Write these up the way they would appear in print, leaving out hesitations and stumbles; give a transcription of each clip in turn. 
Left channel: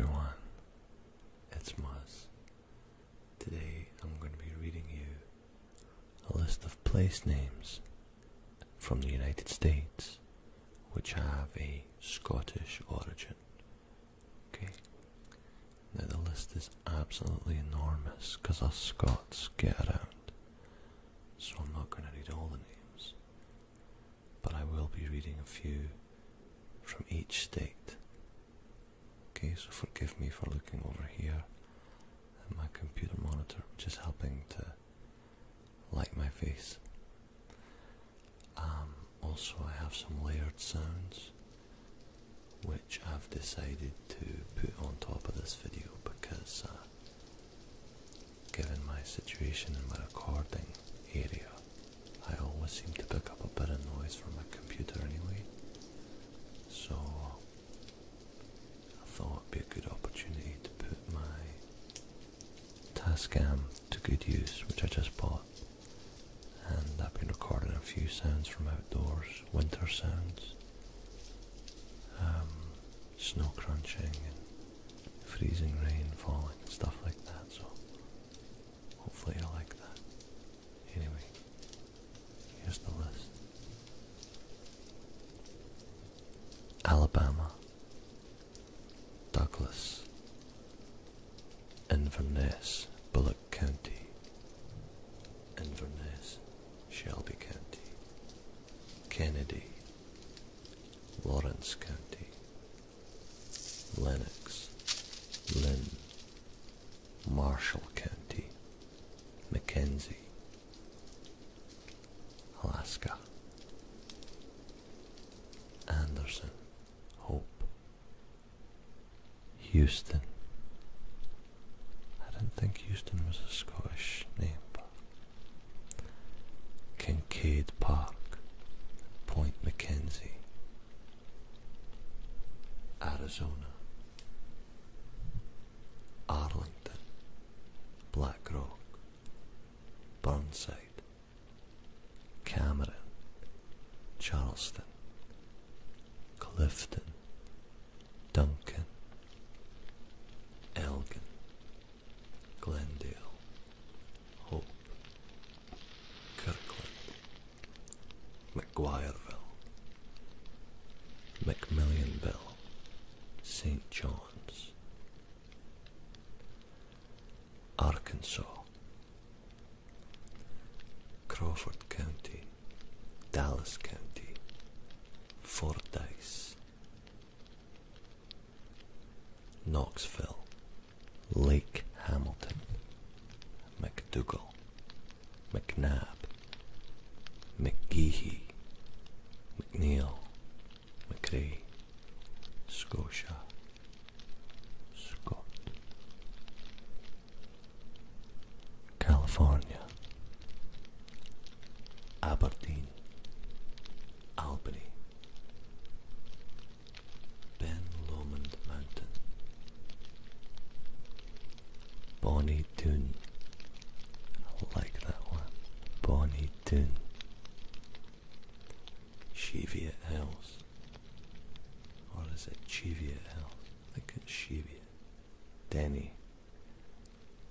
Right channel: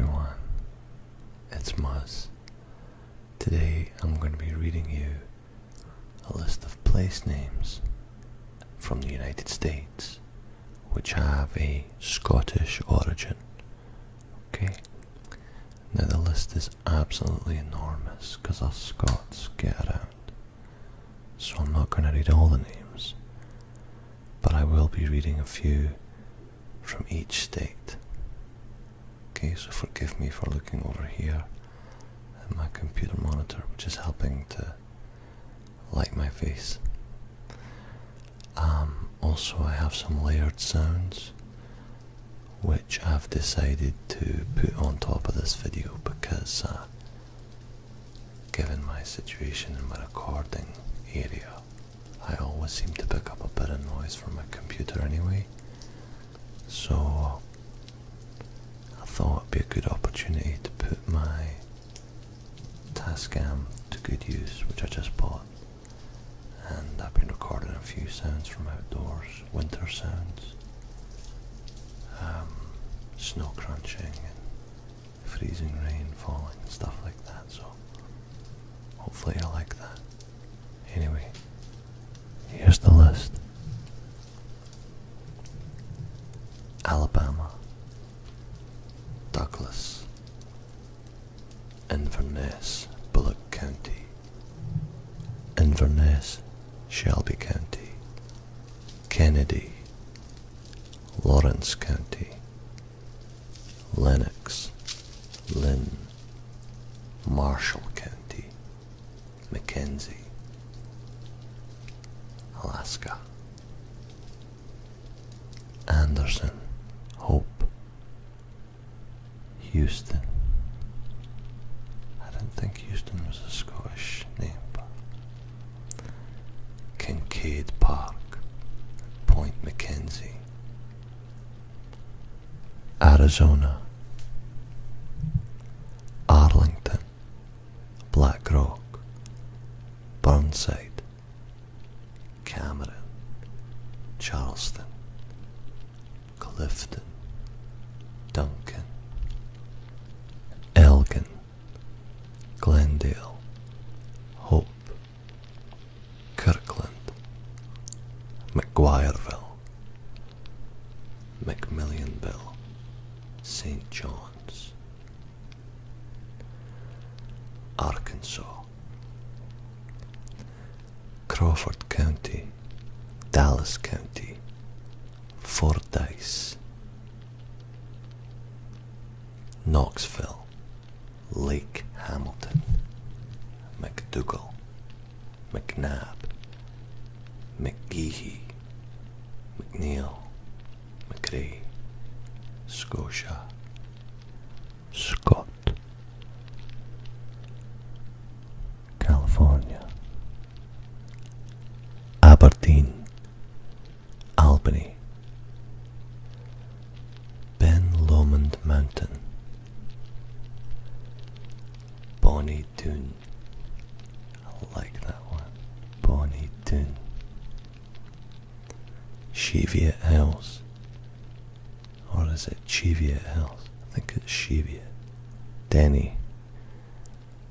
everyone, it's Muzz. Today I'm going to be reading you a list of place names from the United States which have a Scottish origin. Okay? Now the list is absolutely enormous because us Scots get around, so I'm not going to read all the names, but I will be reading a few from each state. Okay, so forgive me for looking over here at my computer monitor, which is helping to light my face. Also, I have some layered sounds which I've decided to put on top of this video because given my situation in my recording area, I always seem to pick up a bit of noise from my computer anyway, so I thought it'd be a good opportunity to put my Tascam to good use, which I just bought, and I've been recording a few sounds from outdoors, winter sounds, snow crunching and freezing rain falling and stuff like that, so hopefully I like that. Anyway, here's the list. Alabama, Douglas, Inverness, Bullock County, Inverness, Shelby County, Kennedy, Lawrence County, Lennox, Lynn, Marshall County, Mackenzie, Alaska, Anderson, Hope, Houston. I didn't think Houston was a Scottish name, but Kincaid Park, Point Mackenzie, Arizona, Arlington, Black Rock, Burnside, Cameron, Charleston, Clifton, Duncan, Elgin, Glendale, Hope, Kirkland, McGuireville, McMillionville, St. John's, Arkansas, Crawford County, Dallas County, Fordyce, Knoxville, Lake Hamilton, McDougall, McNabb, McGehee, McNeil, McRae, Scotia, Scott, California, Aberdeen, Albany, Ben Lomond Mountain, Bonnie Doon. I like that one. Bonnie Doon. Cheviot Hills. Or is it Cheviot Hills? I think it's Cheviot. Denny.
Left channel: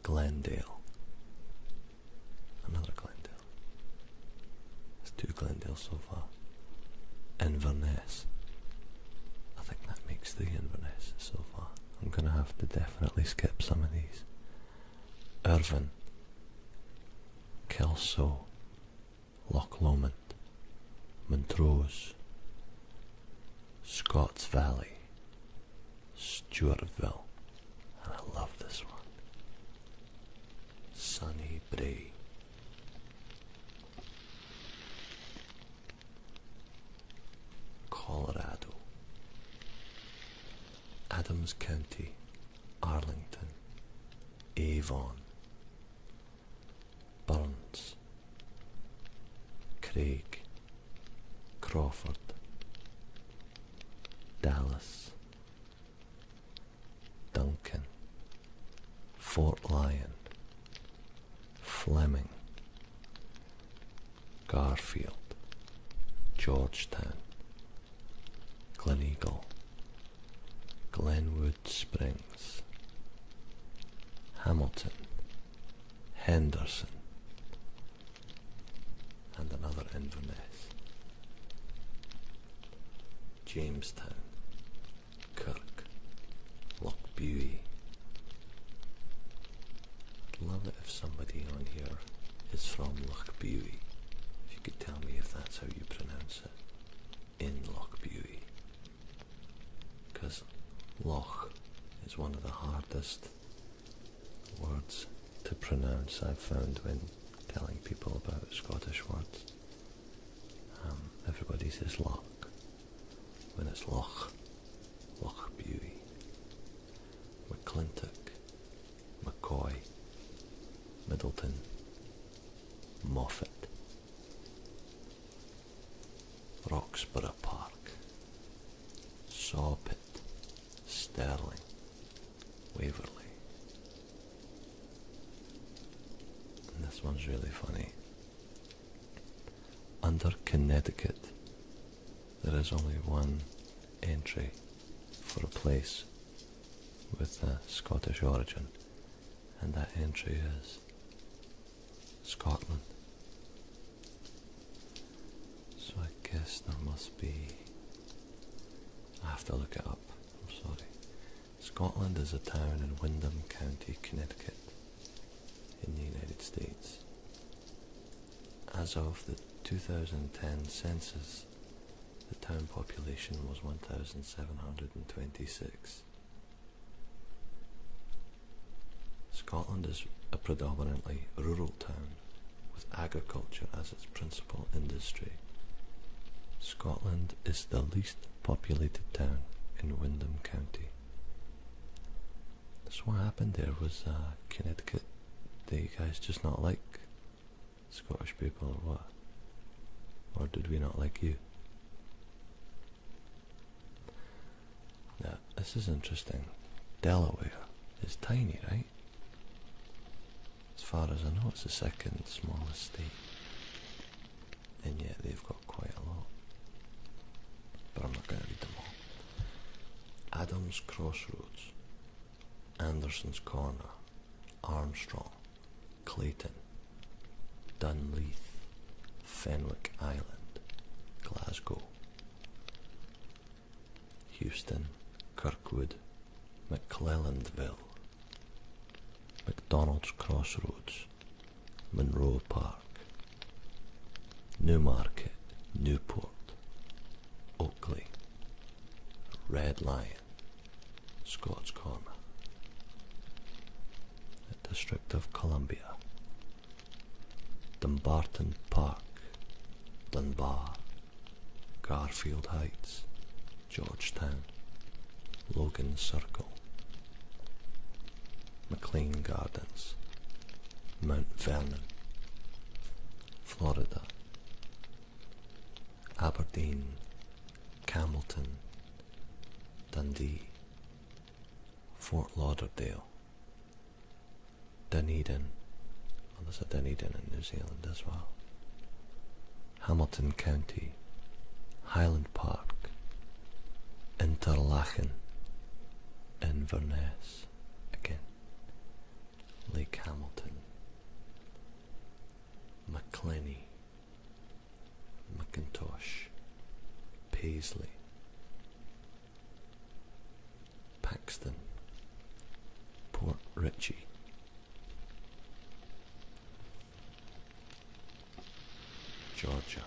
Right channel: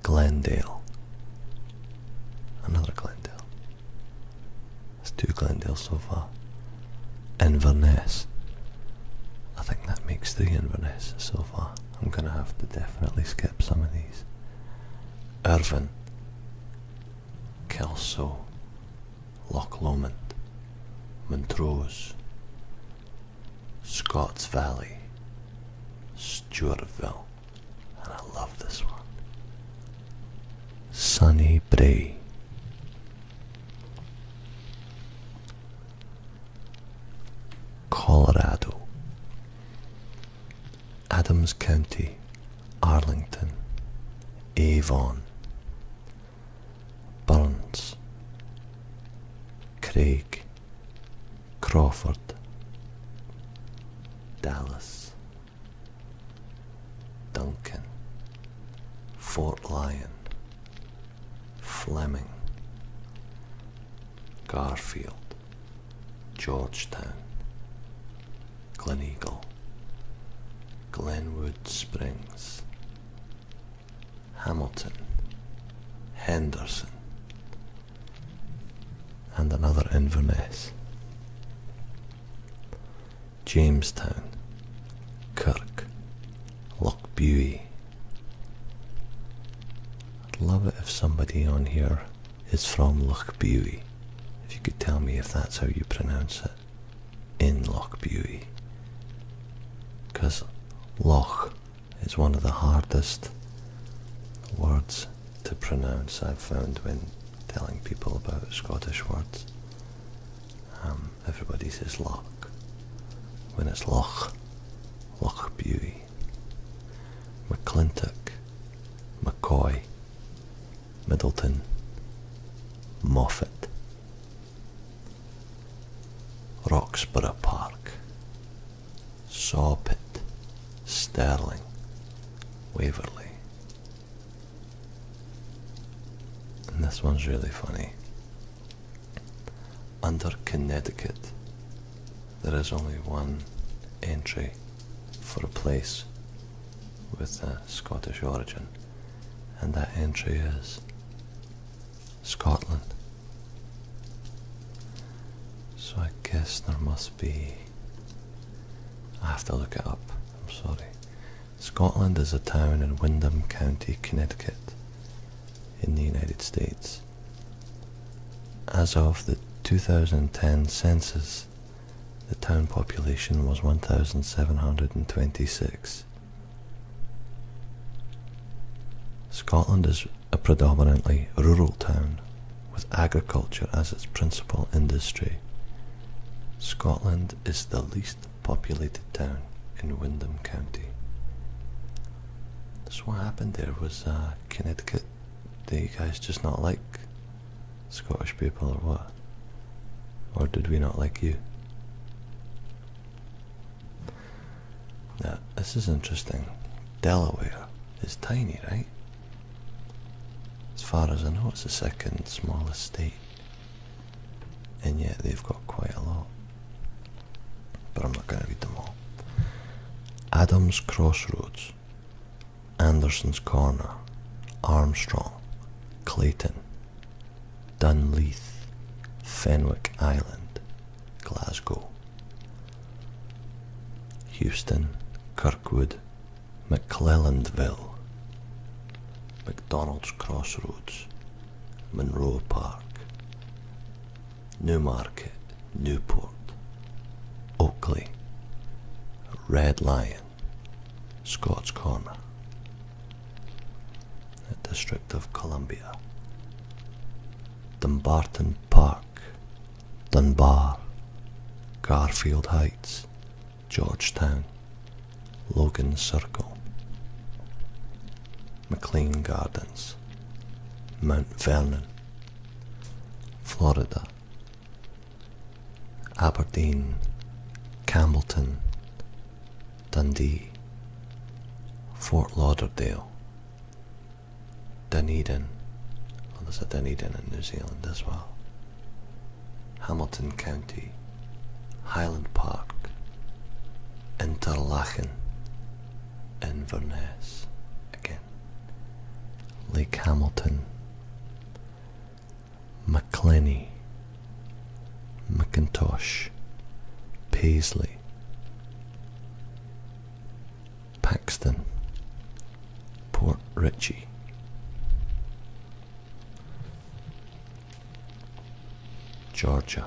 Glendale. Another Glendale. That's 2 Glendale so far. Inverness. I think that makes 3 Inverness so far. I'm gonna have to definitely skip some of these. Irvine, Kelso, Loch Lomond, Montrose, Scotts Valley, Stewartville, and I love this one, Sunny Brae, Colorado, Adams County, Arlington, Avon, Burns, Craig, Crawford, Dallas, Duncan, Fort Lyon, Fleming, Garfield, Georgetown, Gleneagle, Glenwood Springs, Hamilton, Henderson, and another Inverness, Jamestown, Kirk, Lochbuie. I'd love it if somebody on here is from Lochbuie. If you could tell me if that's how you pronounce it in Lochbuie. Because Loch is one of the hardest words to pronounce I've found when telling people about Scottish words. Everybody says Loch when it's Loch, Lochbuie, McClintock, McCoy, Middleton, Moffat, Roxburgh Park, Sawpit, Stirling, Waverley. And this one's really funny. Under Connecticut, there is only one entry for a place with a Scottish origin, and that entry is Scotland. So I guess there must be, I have to look it up, I'm sorry. Scotland is a town in Windham County, Connecticut, in the United States. As of the 2010 census, the town population was 1,726. Scotland is a predominantly rural town with agriculture as its principal industry. Scotland is the least populated town in Windham County. So what happened there was Connecticut. Do you guys just not like Scottish people or what? Or did we not like you? Now, this is interesting. Delaware is tiny, right? As far as I know, it's the second smallest state. And yet they've got quite a lot. But I'm not going to read them all. Adams Crossroads, Anderson's Corner, Armstrong, Clayton, Dunleith, Fenwick Island, Glasgow, Houston, Kirkwood, McClellandville, McDonald's Crossroads, Monroe Park, Newmarket, Newport, Oakley, Red Lion, Scott's Corner, the District of Columbia, Dumbarton Park, Dunbar, Garfield Heights, Georgetown, Logan Circle, McLean Gardens, Mount Vernon, Florida, Aberdeen, Campbellton, Dundee, Fort Lauderdale, Dunedin, well, there's a Dunedin in New Zealand as well, Hamilton County, Highland Park, Interlachen, Inverness, again, Lake Hamilton, Maclenny, McIntosh, Paisley, Paxton, Port Richey, Georgia.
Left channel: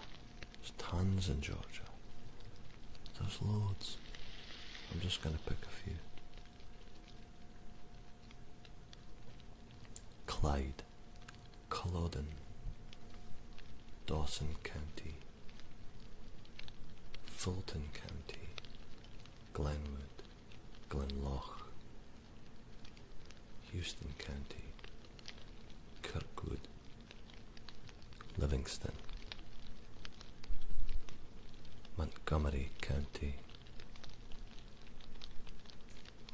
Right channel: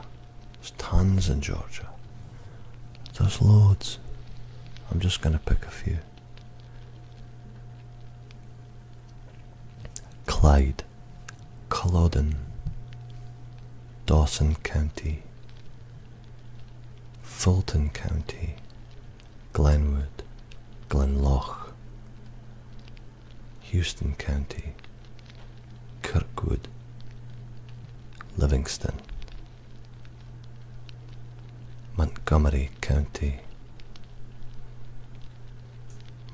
There's tons in Georgia. There's loads. I'm just going to pick a few. Clyde, Culloden, Dawson County, Fulton County, Glenwood, Glenloch, Houston County, Kirkwood, Livingston, Montgomery County,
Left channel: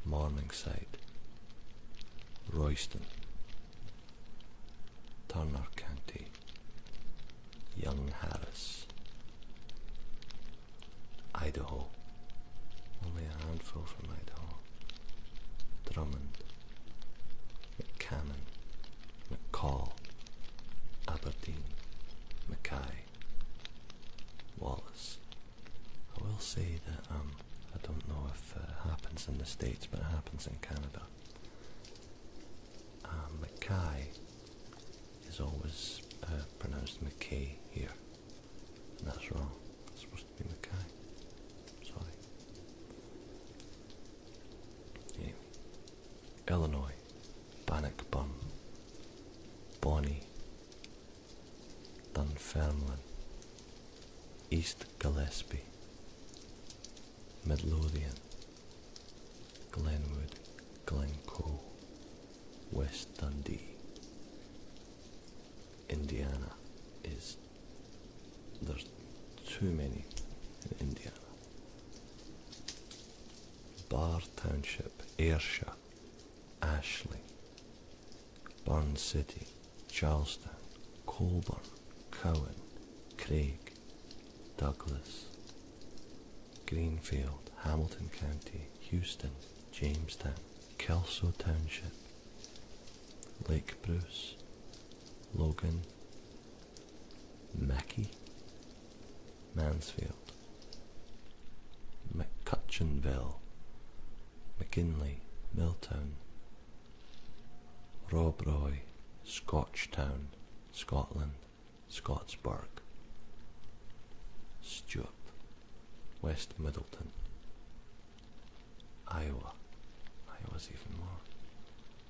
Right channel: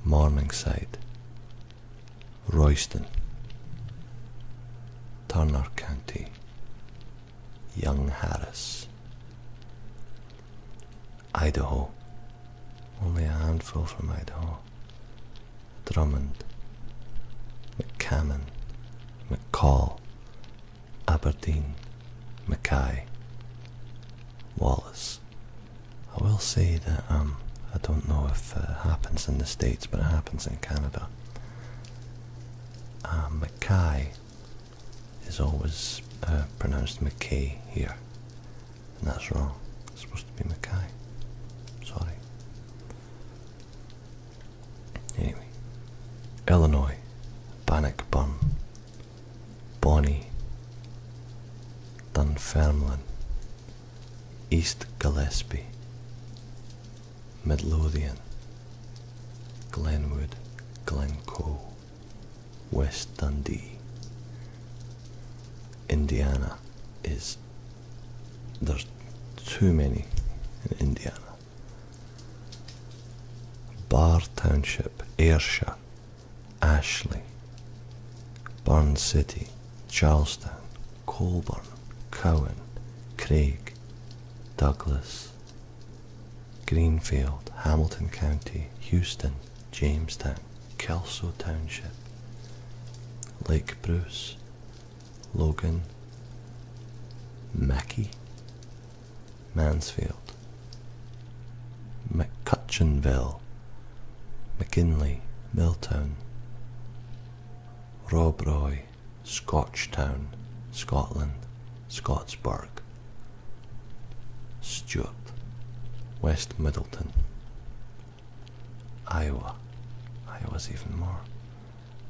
Morningside, Royston, Turner County, Young Harris, Idaho, only a handful from Idaho, McDrummond, McCammon, McCall, Aberdeen, Mackay, Wallace. I will say that I don't know if it happens in the States, but it happens in Canada. Mackay is always pronounced McKay here, and that's wrong. It's supposed to be Mackay. Sorry. Anyway, Illinois, Bannockburn, Bonnie, Dunfermline, East Gillespie, Midlothian, Glenwood, Glencoe, West Dundee. Indiana there's too many in Indiana. Barr Township, Ayrshire, Ashley, Burn City, Charlestown, Colburn, Cowan, Craig, Douglas, Greenfield, Hamilton County, Houston, Jamestown, Kelso Township, Lake Bruce, Logan, Mackay, Mansfield, McCutcheonville, McKinley, Milltown, Robroy, Scotchtown, Scotland, Scottsburg, Stuart, West Middleton, Iowa's even more,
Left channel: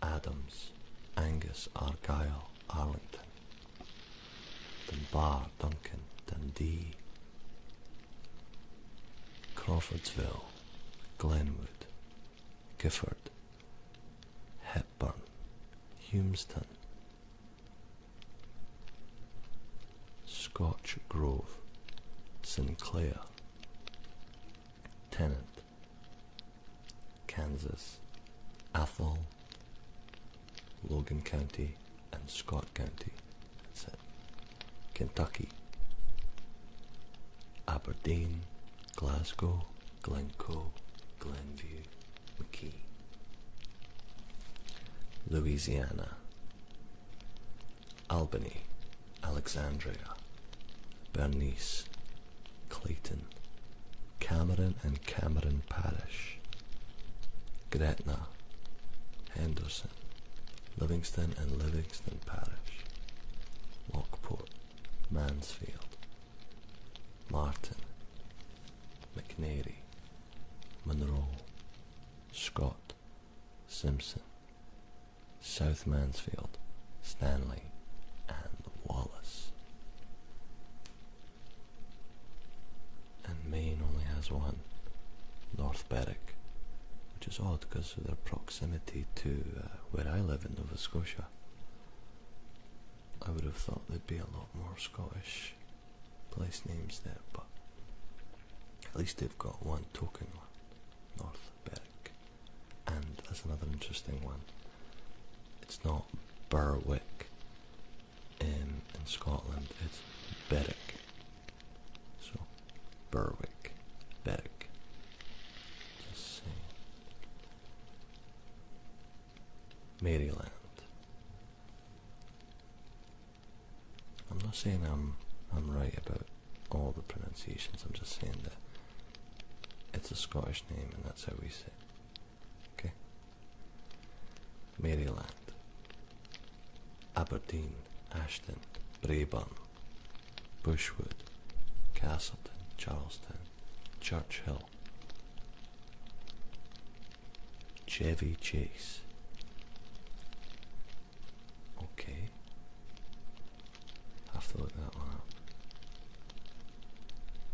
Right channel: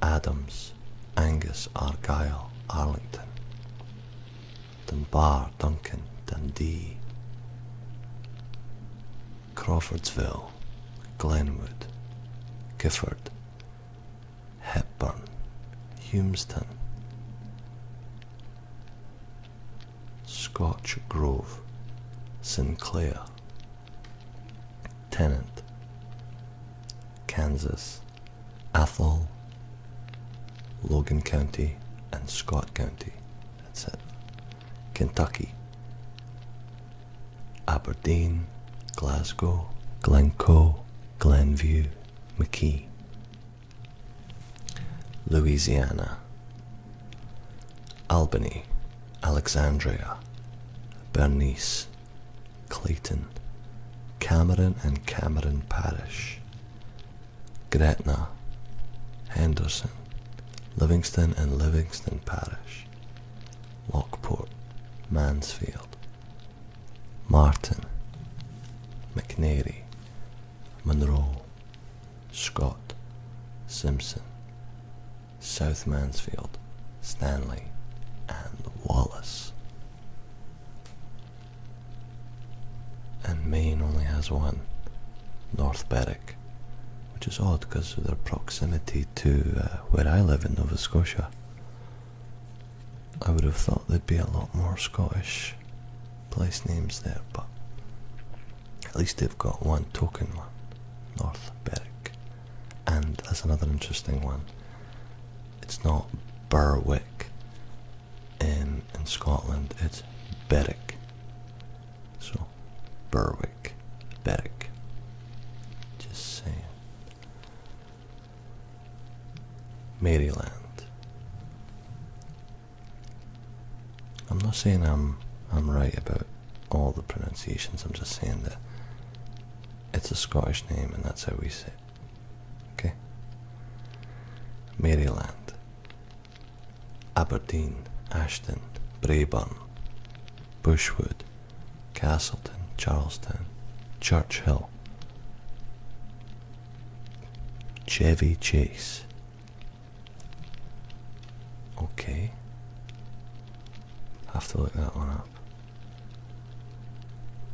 Adams, Angus, Argyll, Arlington, Dunbar, Duncan, Dundee, Crawfordsville, Glenwood, Gifford, Hepburn, Humestown, Scotch Grove, Sinclair, Tennant, Kansas, Athol, Logan County and Scott County. That's it. Kentucky, Aberdeen, Glasgow, Glencoe, Glenview, McKee. Louisiana, Albany, Alexandria, Bernice, Clayton, Cameron and Cameron Parish, Gretna, Henderson, Livingston and Livingston Parish, Lockport, Mansfield, Martin, McNairy, Monroe, Scott, Simpson, South Mansfield, Stanley, and Wallace. And Maine only has one, North Berwick, which is odd because of their proximity to where I live in Nova Scotia. I would have thought there'd be a lot more Scottish place names there, but at least they've got one token one, North Berwick. And as another interesting one, it's not Berwick in Scotland, it's Berwick. So, Berwick, Berwick. Just saying. Maryland. I'm not saying I'm right about all the pronunciations, I'm just saying that it's a Scottish name and that's how we say it. Okay? Maryland, Aberdeen, Ashton, Braeburn, Bushwood, Castleton, Charlestown, Churchill, Chevy Chase. Okay. Have to look that one up.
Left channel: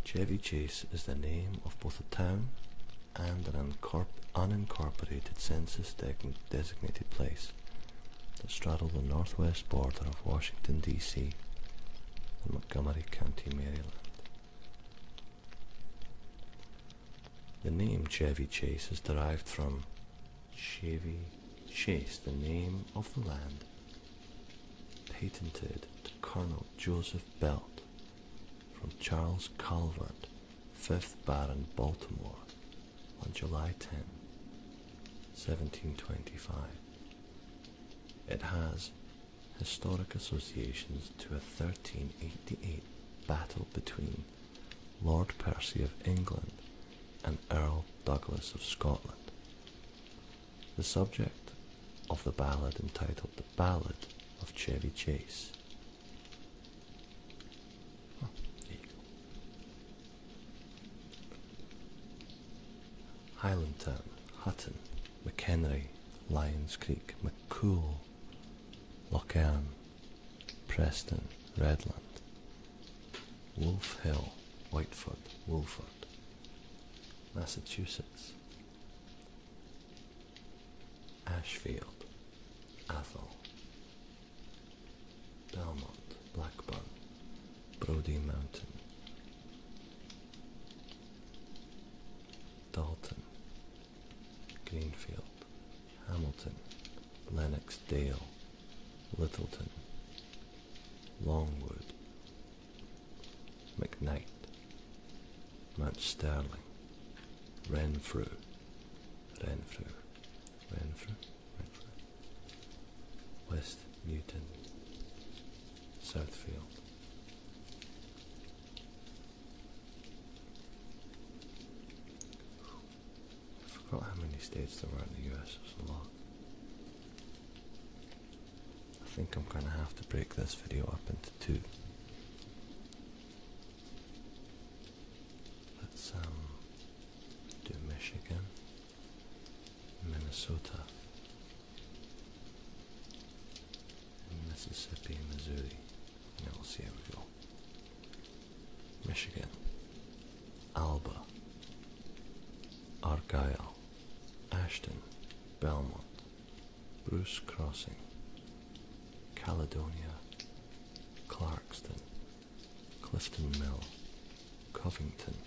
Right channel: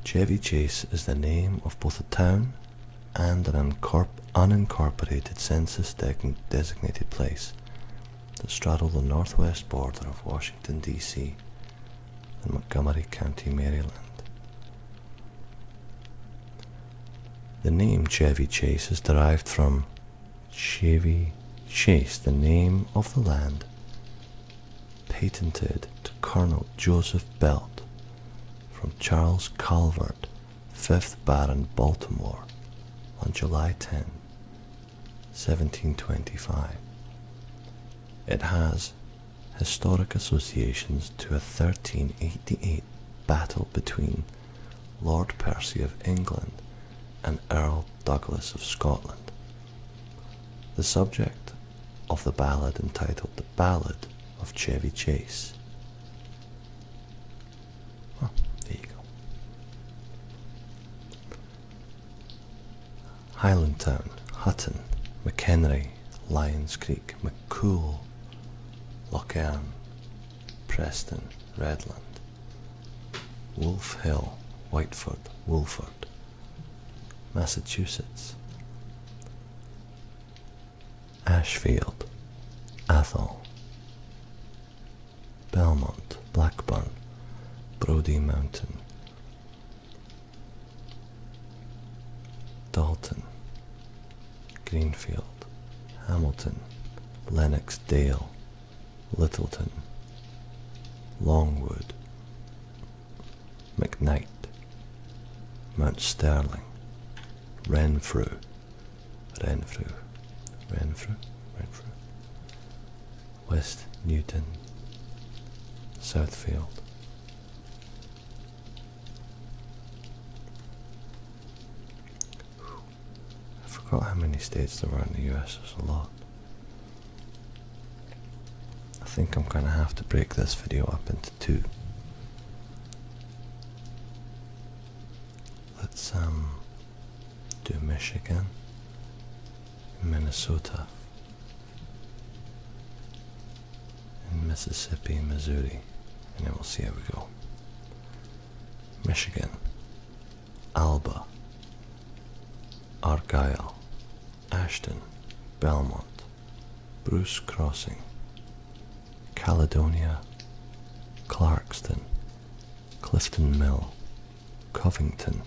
Chevy Chase is the name of both a town and an unincorporated census-designated place that straddle the northwest border of Washington, D.C. and Montgomery County, Maryland. The name Chevy Chase is derived from Chevy Chase, the name of the land patented to Colonel Joseph Belt from Charles Calvert, 5th Baron, Baltimore, on July 10, 1725. It has historic associations to a 1388 battle between Lord Percy of England and Earl Douglas of Scotland. The subject of the ballad entitled The Ballad of Chevy Chase. Oh, there you go. Highlandtown, Hutton, McHenry, Lyons Creek, McCool, Lochern, Preston, Redland, Wolf Hill, Whiteford, Woolford, Massachusetts, Ashfield, Athol, Belmont, Blackburn, Brodie Mountain, Dalton, Greenfield, Hamilton, Lennox Dale, Littleton, Longwood, McKnight, Mount Sterling, Renfrew, West Newton, Southfield, I forgot how many states there were in the US. There's a lot. I think I'm gonna have to break this video up into two. Let's do Michigan, Minnesota, and Mississippi, Missouri, and then we'll see how we go. Michigan, Alba, Argyle, Ashton, Belmont, Bruce Crossing, Caledonia, Clarkston, Clifton Mill, Covington,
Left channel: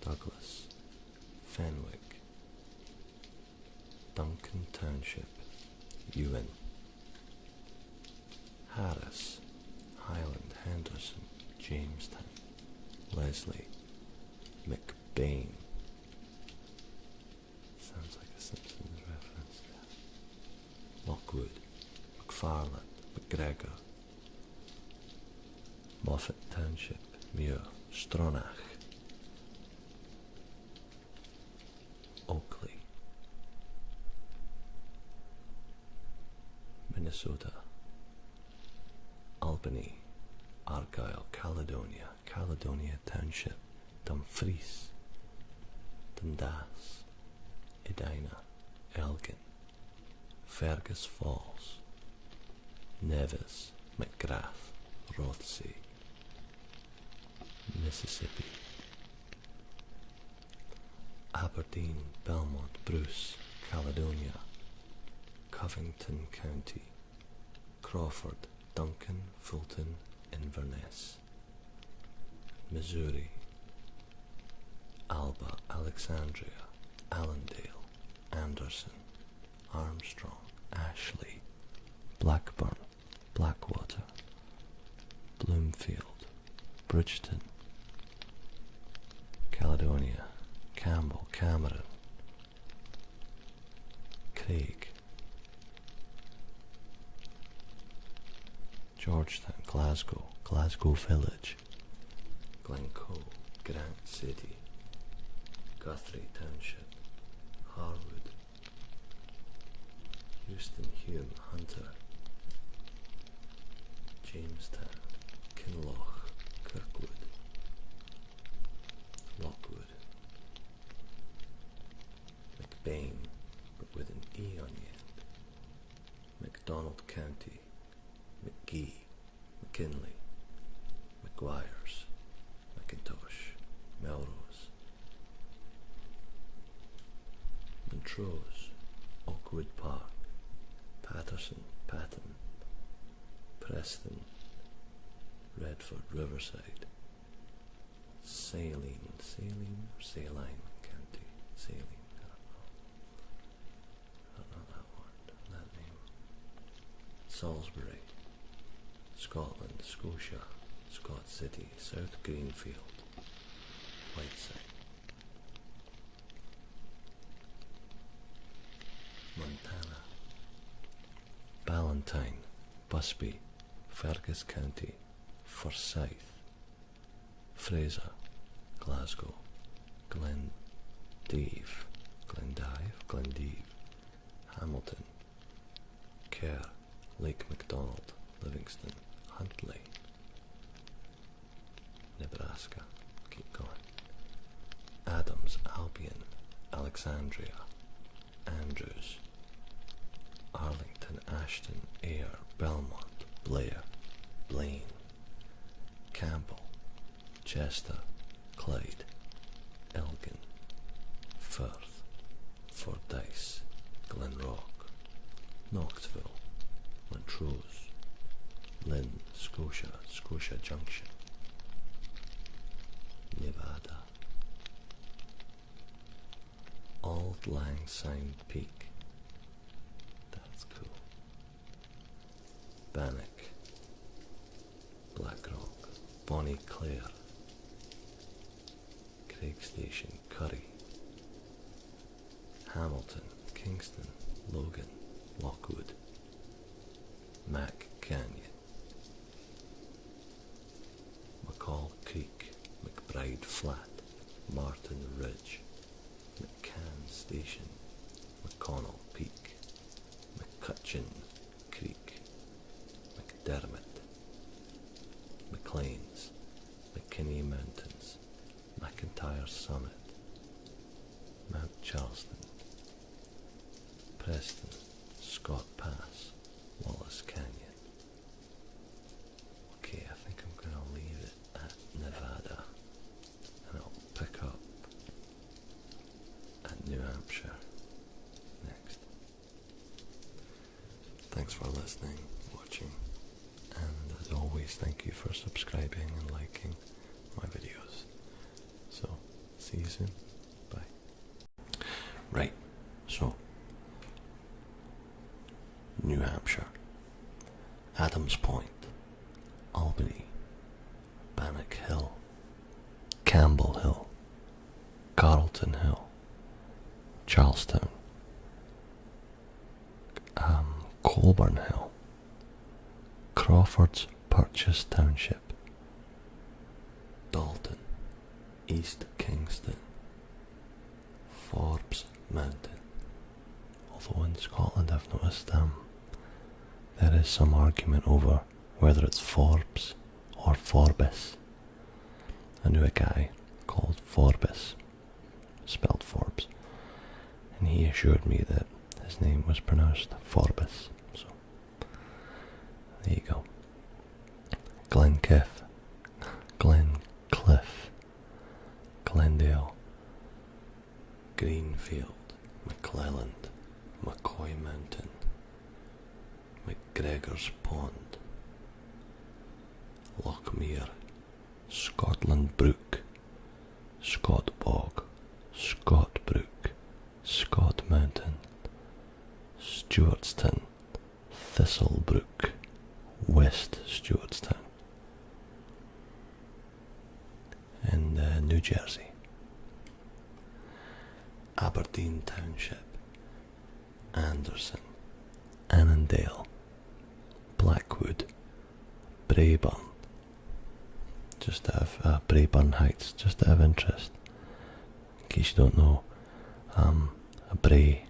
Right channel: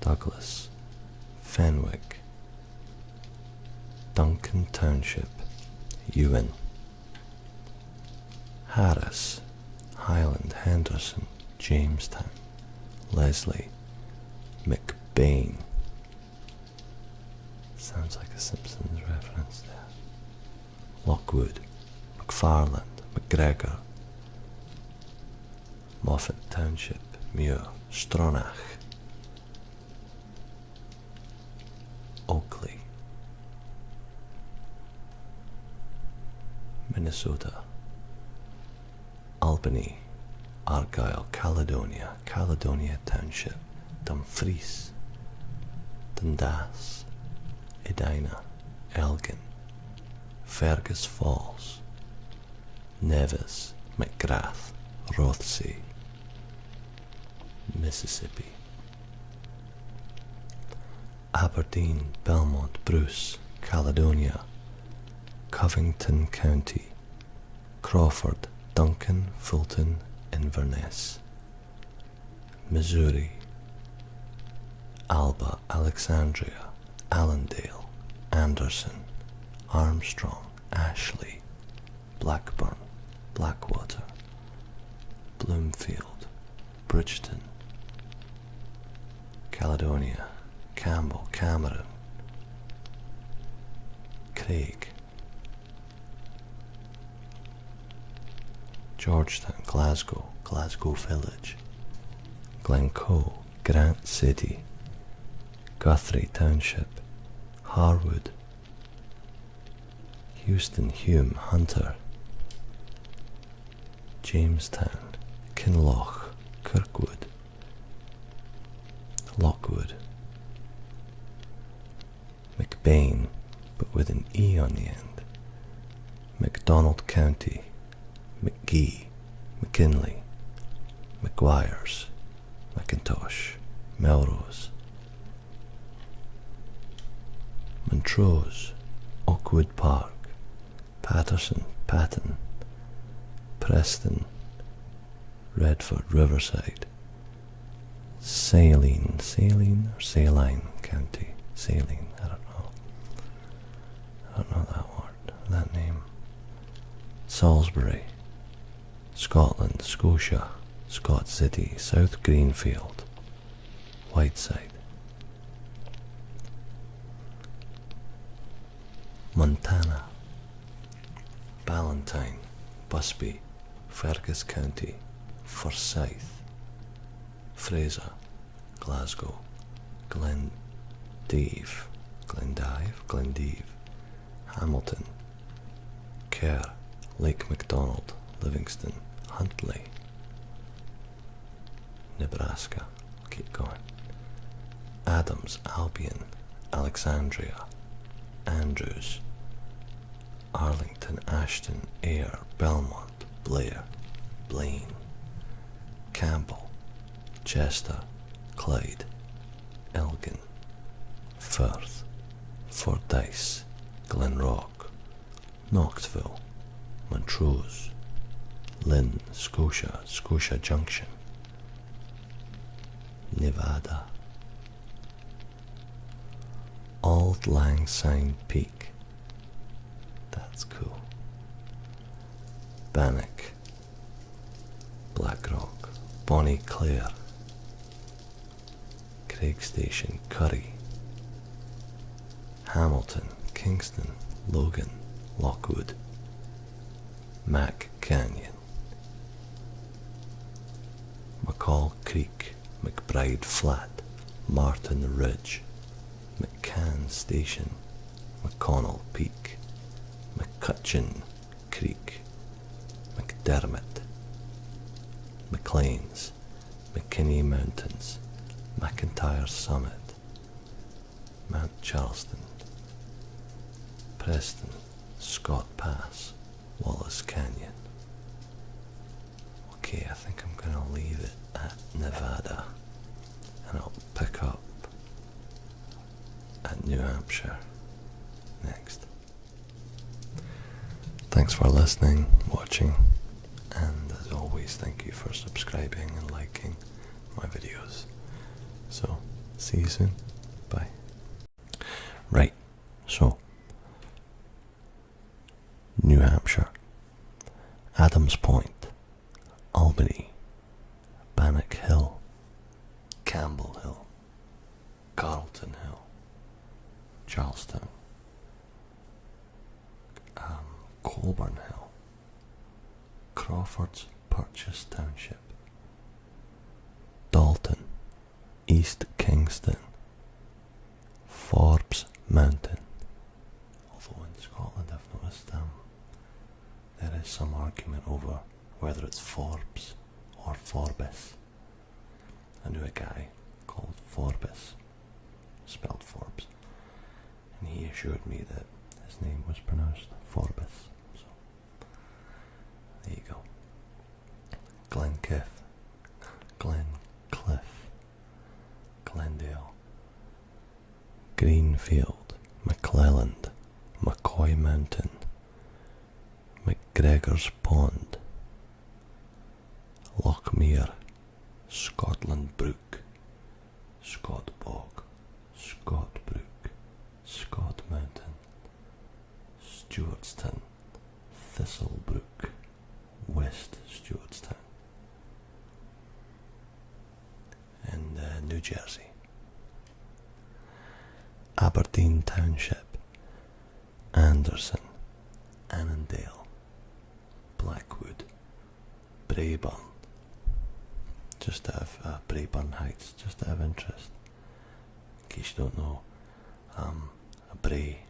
Douglas, Fenwick, Duncan Township, Ewan, Harris, Highland, Henderson, Jamestown, Leslie, McBain. Sounds like a Simpsons reference there. Lockwood, McFarland, McGregor, Moffat Township, Muir, Stronach, Oakley, Minnesota, Albany, Argyle, Caledonia, Caledonia Township, Dumfries, Dundas, Edina, Elgin, Fergus Falls, Nevis, McGrath, Rothsay, Mississippi, Aberdeen, Belmont, Bruce, Caledonia, Covington County, Crawford, Duncan, Fulton, Inverness, Missouri, Alba, Alexandria, Allendale, Anderson, Armstrong, Ashley, Blackburn, Blackwater, Bloomfield, Bridgeton, Caledonia, Campbell, Cameron, Craig, Georgetown, Glasgow, Glasgow Village, Glencoe, Grant City, Guthrie Township, Harwood, Houston, Hume, Hunter, Jamestown, Kinloch, Kirkwood, Lockwood, McBain, but with an E on the end, McDonald County, McGee, McKinley, McGuire's, McIntosh, Melrose, Montrose, Oakwood Park, Patterson, Patton, Preston, Redford, Riverside, Saline County, Saline, I don't know that word, that name, Salisbury, Scotland, Scotia, Scott City, South Greenfield, Whiteside, Montana, Ballantyne, Busby, Fergus County, Forsyth, Fraser, Glasgow, Glendive, Hamilton, Kerr, Lake McDonald, Livingston, Huntley, Nebraska, keep going, Adams, Albion, Alexandria, Andrews, Arlington, Ashton, Ayr, Belmont, Blair, Blaine, Campbell, Chester, Clyde, Elgin, Firth, Fordyce, Glenrock, Knoxville, Montrose, Lynn, Scotia, Scotia Junction, Nevada, Auld Lang Syne Peak, that's cool, Bannock, Blackrock, Bonnie Clare, Craig Station, Curry, Hamilton, Kingston, Logan, Lockwood, Mac Canyon, McCall Creek, McBride Flat, Martin Ridge, McCann Station, McConnell Peak, McCutcheon Creek, McDermott, McLean's, McKinney Mountains, McIntyre Summit, Mount Charleston, Preston, Scott Pass, Wallace Canyon. Okay, I think I'm going to leave it at Nevada, and I'll pick up at New Hampshire next. Thanks for listening, watching, and as always, thank you for subscribing and liking my videos. So, see you soon. Bye. Right, so, New Hampshire, Adams Point, Albany, Bannock Hill, Campbell Hill, Carlton Hill, Charlestown, Colburn Hill, Crawford's Purchase Township, Dalton, East Kingston, Forbes Mountain. Although in Scotland I've noticed there is some argument over whether it's Forbes or Forbes. I knew a guy called Forbes, spelled Forbes, and he assured me that his name was pronounced Forbes. So there you go. Glencliff, Glendale, Greenfield, McClelland, McCoy Mountain, McGregor's Pond, Lochmere, Scotland Brook, Scott Bog, Scott Brook, Scott Mountain, Stewartstown, Thistlebrook, West Stewartstown, and New Jersey, Aberdeen Township, Anderson, Annandale, Blackwood, Braeburn, just out of Braeburn Heights, just out of interest. In case you don't know, a brae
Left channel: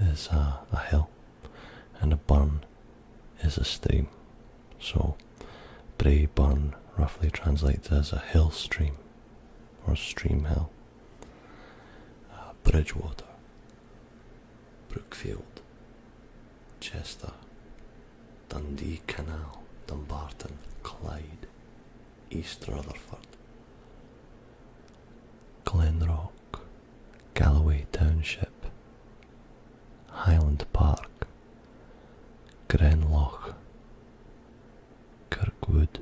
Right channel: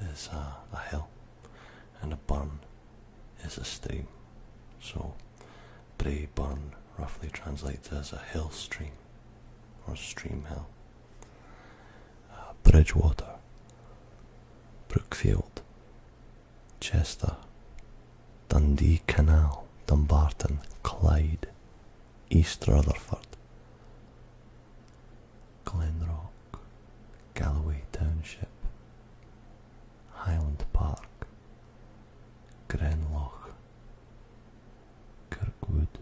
is a hill, and a burn is a stream. So, Braeburn roughly translates as a hill stream, or stream hill. Bridgewater, Brookfield, Chester, Dundee Canal, Dumbarton, Clyde, East Rutherford, Glenrock, Galloway Township, Highland Park, Grenloch, Kirkwood,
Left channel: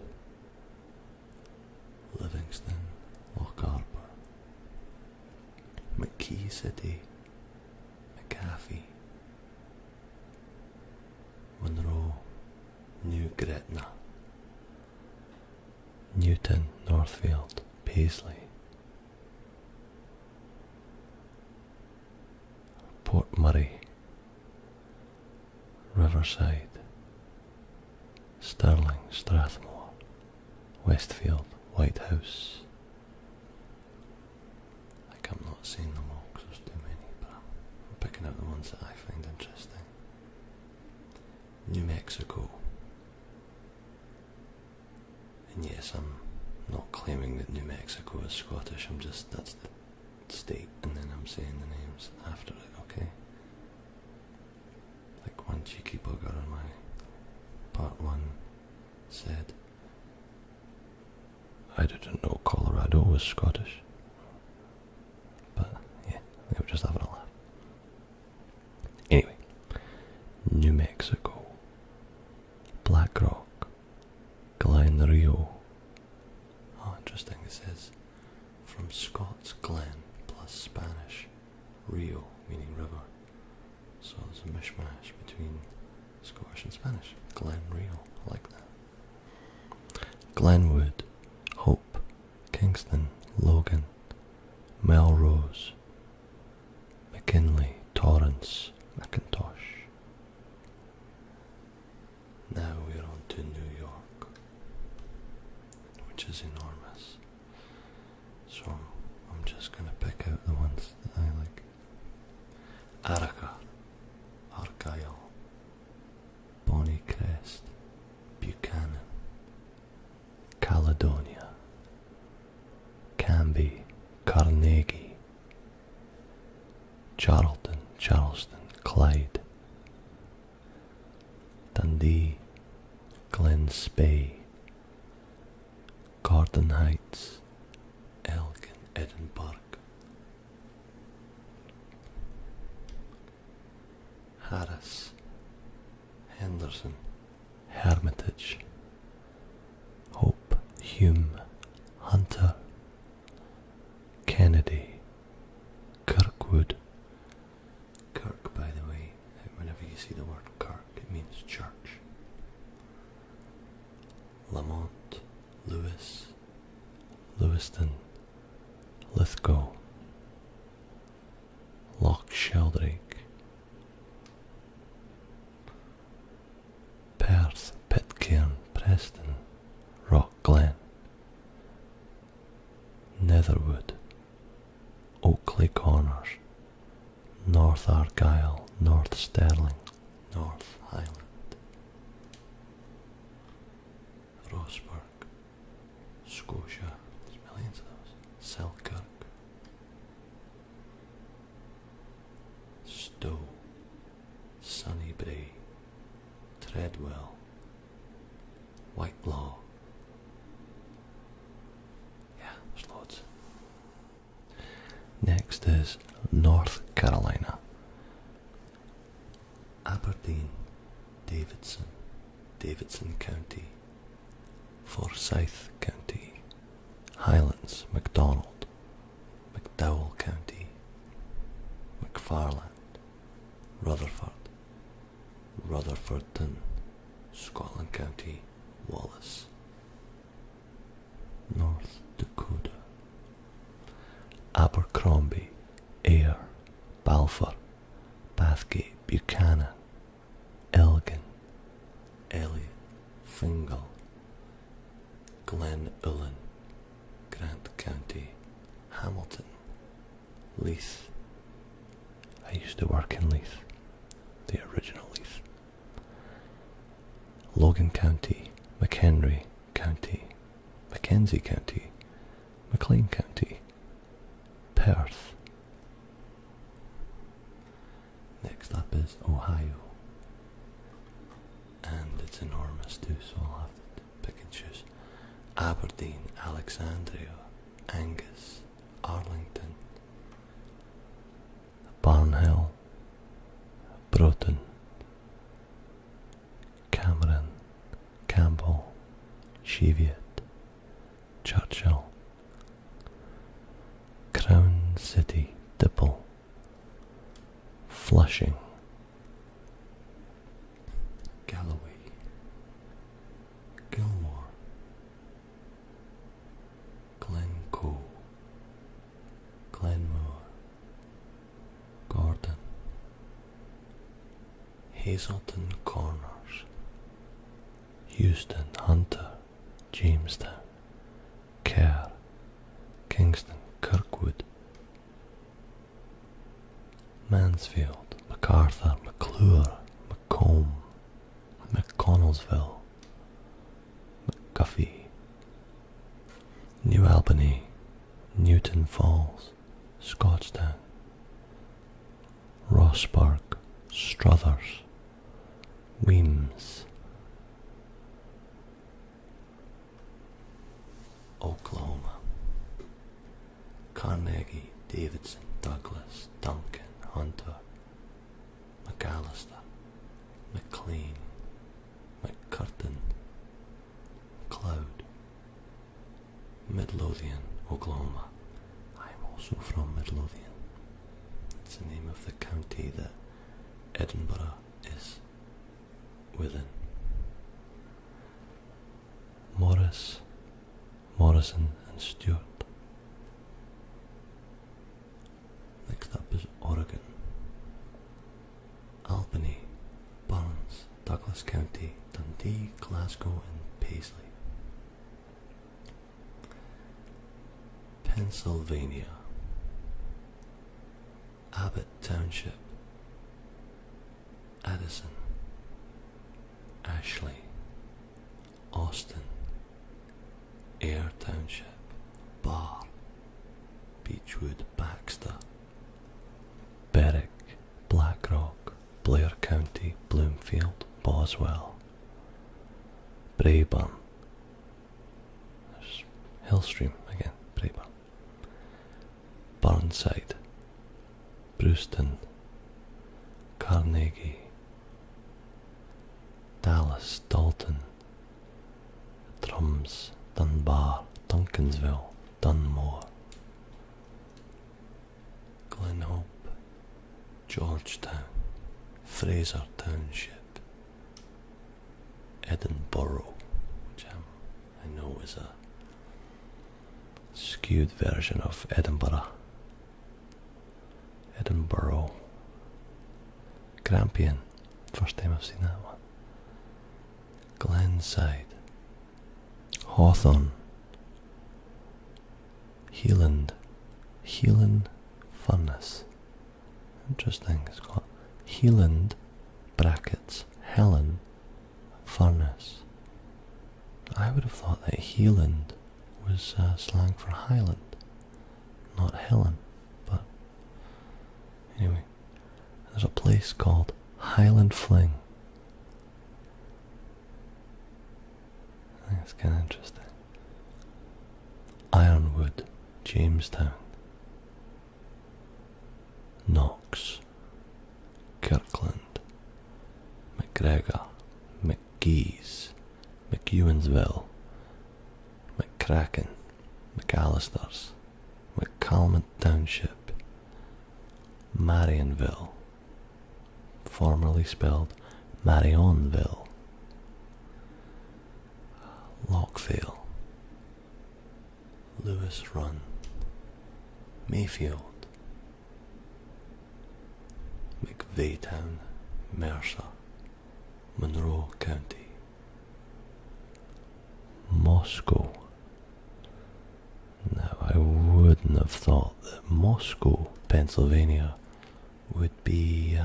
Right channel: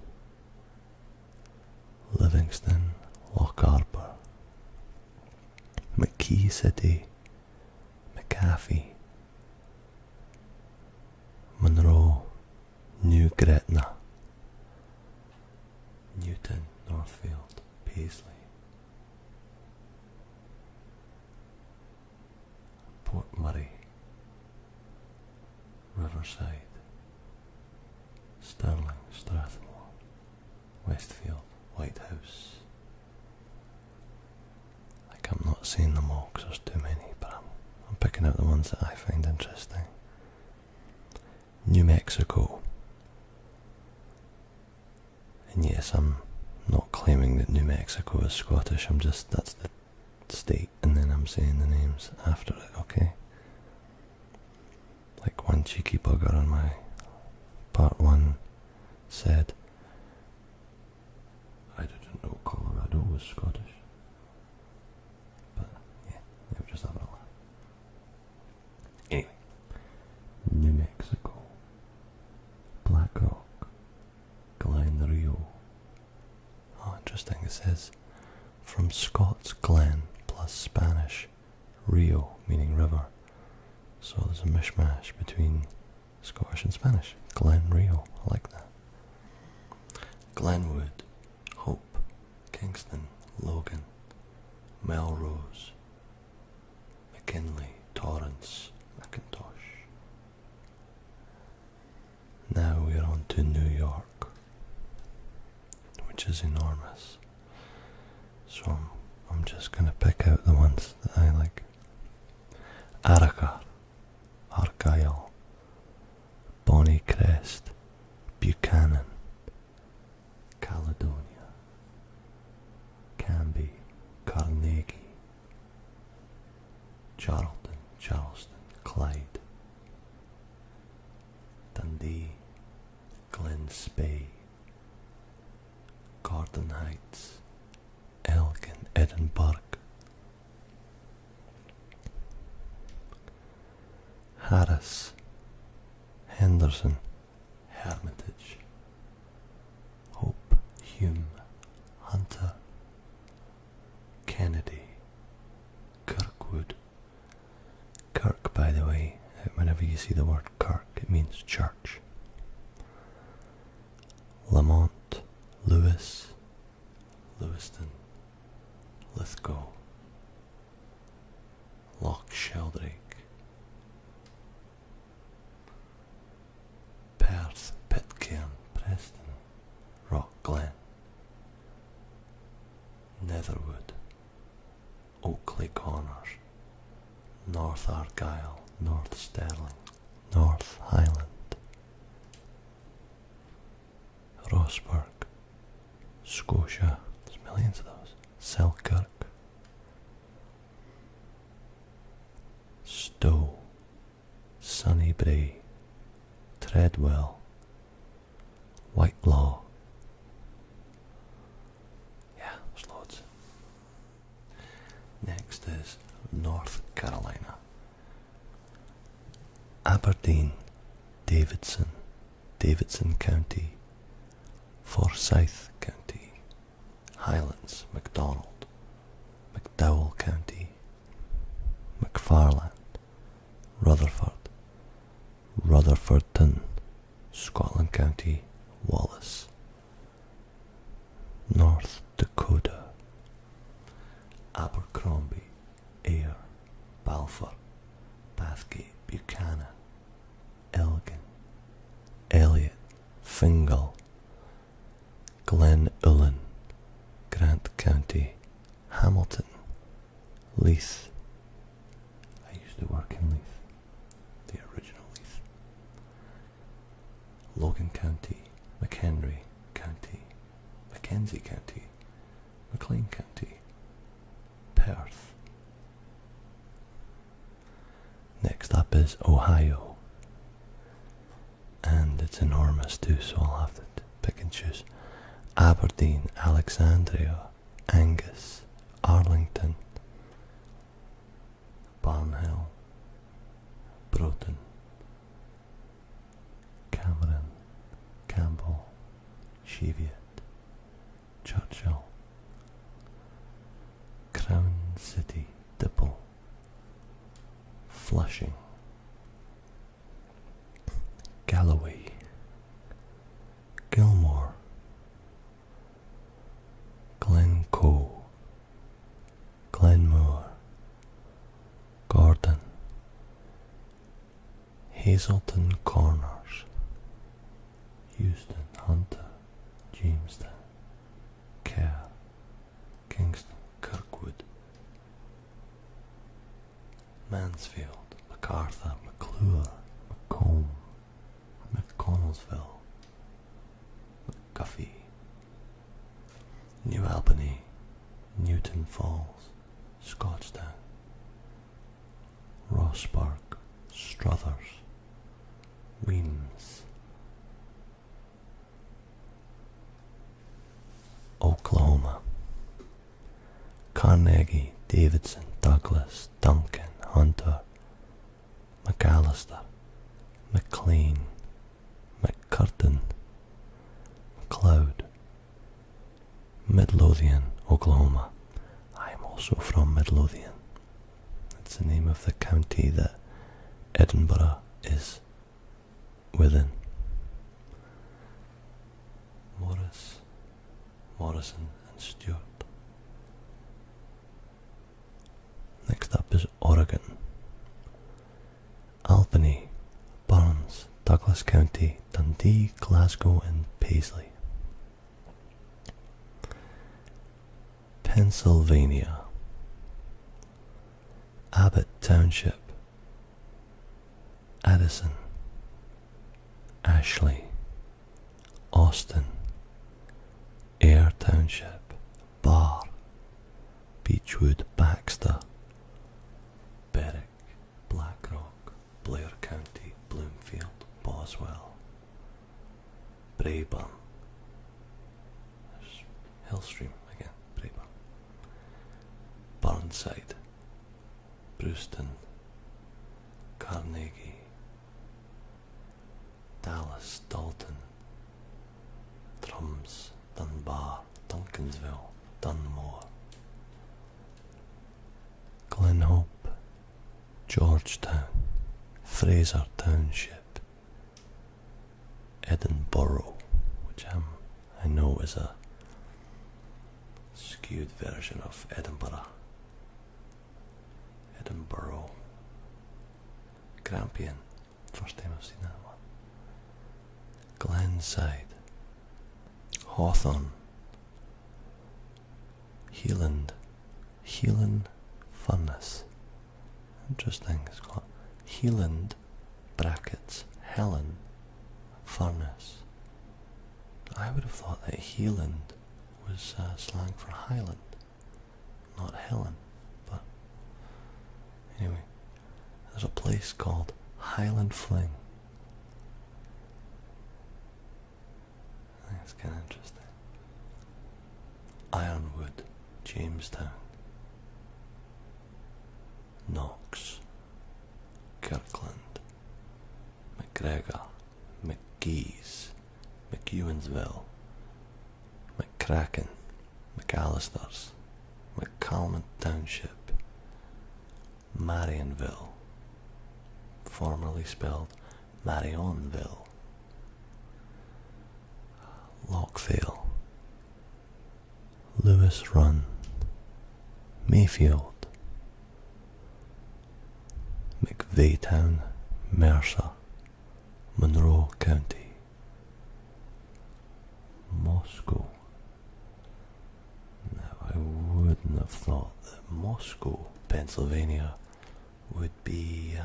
Livingston, Locharbor, McKee City, McAfee, Monroe, New Gretna, Newton, Northfield, Paisley, Port Murray, Riverside, Stirling, Strathmore, Westfield, White House. Like, I'm not saying them all because there's too many, but I'm picking out the ones that I find interesting. New Mexico. And yes, I'm not claiming that New Mexico is Scottish, that's the state, and then I'm saying the names after it, okay? Like one cheeky bugger on my part 1 said, I didn't know Colorado was Scottish. But yeah, they were just having a laugh. Anyway, New Mexico, Black Rock, Glen Rio. Oh, interesting, it says from Scots Glen plus Spanish Rio, meaning river. So there's a mishmash between Scottish and Spanish. Glen Rio, I like that. Glenwood, Hope, Kingston, Logan, Melrose, McKinley, Torrance, Macintosh. Now we're on to New York, which is enormous. So I'm just going to pick out the ones that I like. Arica, Argyle, Bonnycrest, Buchanan, Caledonia, Canby, Carnegie, Charlton, Charleston, Clyde, Dundee, Glen Spey, Gordon Heights, Elgin, Edinburgh, Harris, Henderson, Hermitage, Hope, Hume, Hunter, Kennedy, Kirkwood. Kirk, by the way, whenever you see the word Kirk, it means church. Lamont, Lewis, Lewiston, Lithgow, Loch Sheldrake, Perth, Pitcairn, Preston, Rock Glen, Netherwood, Oakley Corners, North Argyll, North Stirling, North Highland, Rossburg, Scotia, there's millions of those, Selkirk, Stowe, Sunnybray, Treadwell, Whitelaw. Yeah, there's loads. Next is North Carolina. Aberdeen, Davidson, Davidson County, Forsyth County, Highlands, MacDonald, McDowell County, McFarland, Rutherford, Rutherfordton, Scotland County, Wallace, North Dakota, Abercrombie, Ayr, Balfour, Bathgate, Buchanan, Elgin, Elliot, Fingal, Glen Ullin, Grant County, Hamilton, Leith. I used to work in Leith, the original Leith. Logan County, McHenry County, Mackenzie County, McLean County, Perth. Next up is Ohio, and it's enormous too, so I'll have to pick and choose. Aberdeen, Alexandria, Angus, Arlington, Barnhill, Broughton, Cameron, Campbell, Cheviot, Churchill, Crown City, Dipple, Flushing, Galloway, Gilmore, Glencoe, Glenmore, Gordon, Hazelton Corners, Houston, Hunter, Jamestown, Kerr, Kingston, Kirkwood, Mansfield, MacArthur, McClure, Macomb, McConnellsville, McGuffey, New Albany, Newton Falls, Scotstown, Rossburg, Struthers, Weems, Oklahoma, Carnegie, Davidson, Douglas, Duncan, Hunter, McAllister, McLean, McCurtain, McLeod, Midlothian, Oklahoma. I am also from Midlothian. It's the name of the county that Edinburgh is within. Morris, Morrison and Stewart. Next up is Oregon. Albany, Burns, Douglas County, Dundee, Glasgow and Paisley. Pennsylvania. Abbott Township, Addison, Ashley, Austin, Ayr Township, Barr, Beechwood, Baxter, Berwick, Blackrock, Blair County, Bloomfield, Boswell, Braeburn, there's Hillstream again, Braeburn, Burnside, Brewston, Carnegie, Dallas, Dalton, Drums, Dunbar, Duncansville, Dunmore, Glenhope, Georgetown, Fraser Township, Edinburgh, which I know is a skewed version of Edinburgh, Edinburgh, Grampian, first time I've seen that one, Glenside, Hawthorne, Heeland Furnace, interesting, it's got Heeland brackets Helen Furnace. I would have thought that Heeland was slang for Highland, not Helen, but anyway, there's a place called Highland Fling. I think it's kind of interesting. Ironwood, Jamestown, Knox, Kirkland, McGregor, McGee's, McEwensville, McCracken, McAllister's, McCalmont Township, Marionville, formerly spelled Marionville, Lockvale, Lewis Run, Mayfield, McVeytown, Mercer, Monroe County, Moscow. Now I wouldn't have thought that Moscow, Pennsylvania would be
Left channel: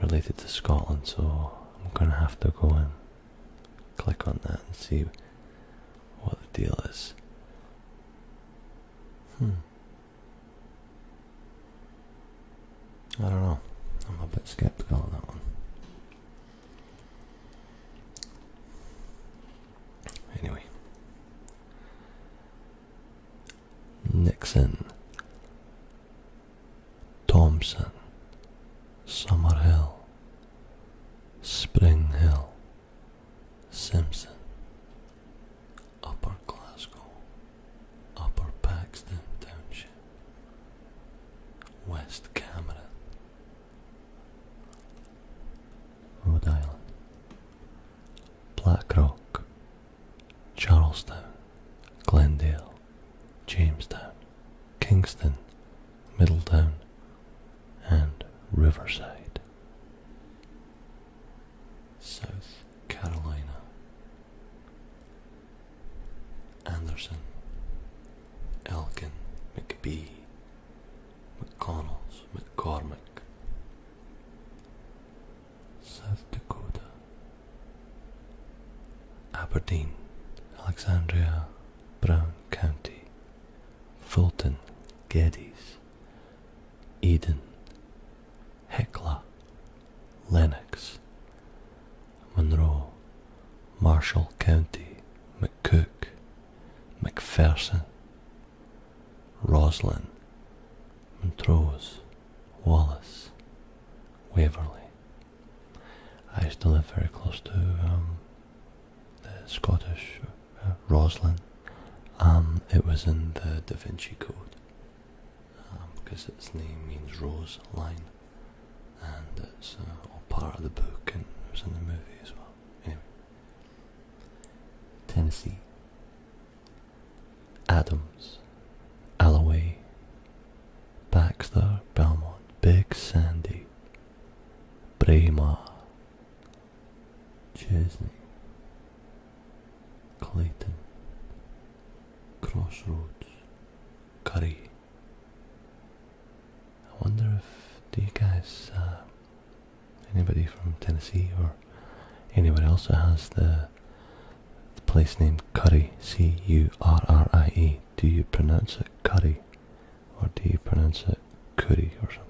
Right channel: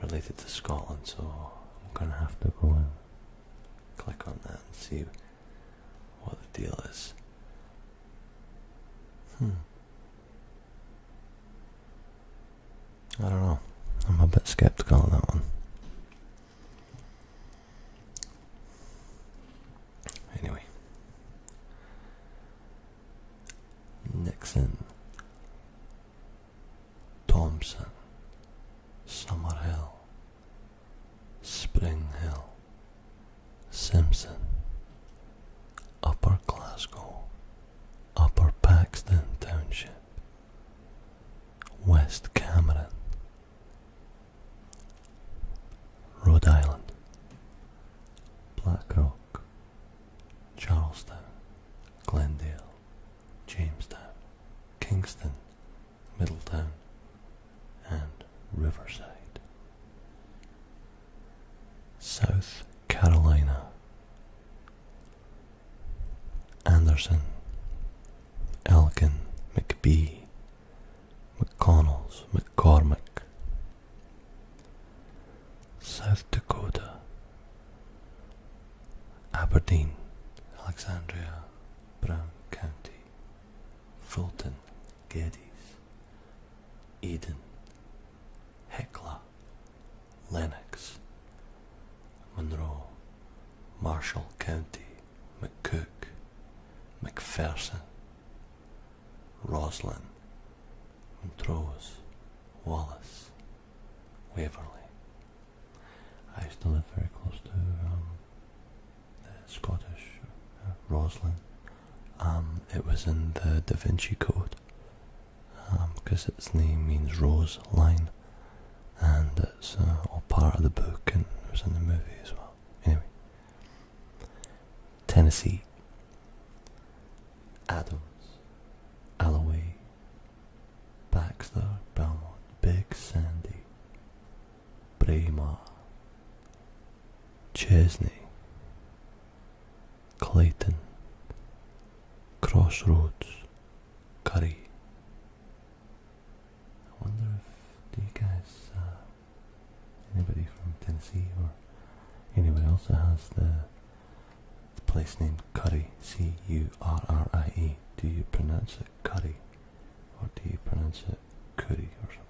related to Scotland, so I'm gonna have to go and click on that and see what the deal is. I don't know. I'm a bit skeptical on that one. Anyway. Nixon, Thompson, Summerhill, Spring Hill, Simpson, Upper Glasgow, Upper Paxton Township, West Cameron, Rhode Island, Blackrock, Charlestown, Glendale, Jamestown, Kingston, Middletown, and Riverside. South Carolina, Anderson, Elgin, McBee, McConnells, McCormick. South Dakota, Aberdeen, Alexandria, Brown County, Fulton, Geddes, Eden, Hecla, Lennox, Monroe, Marshall County, McCook, McPherson, Roslyn, Montrose, Wallace, Waverly. I used to live very close to the Scottish Roslyn. It was in the Da Vinci Code because its name means rose line, and it's all part of the book, and it was in the movie as well. Anyway, Tennessee, Adams, Alloway, Baxter, Belmont, Big Sandy, Braemar, Chesney, Clayton, Crossroads, Curry. I wonder if, do you guys, anybody from Tennessee or anywhere else that has the place named Curry, Currie, do you pronounce it Curry or do you pronounce it Curry or something?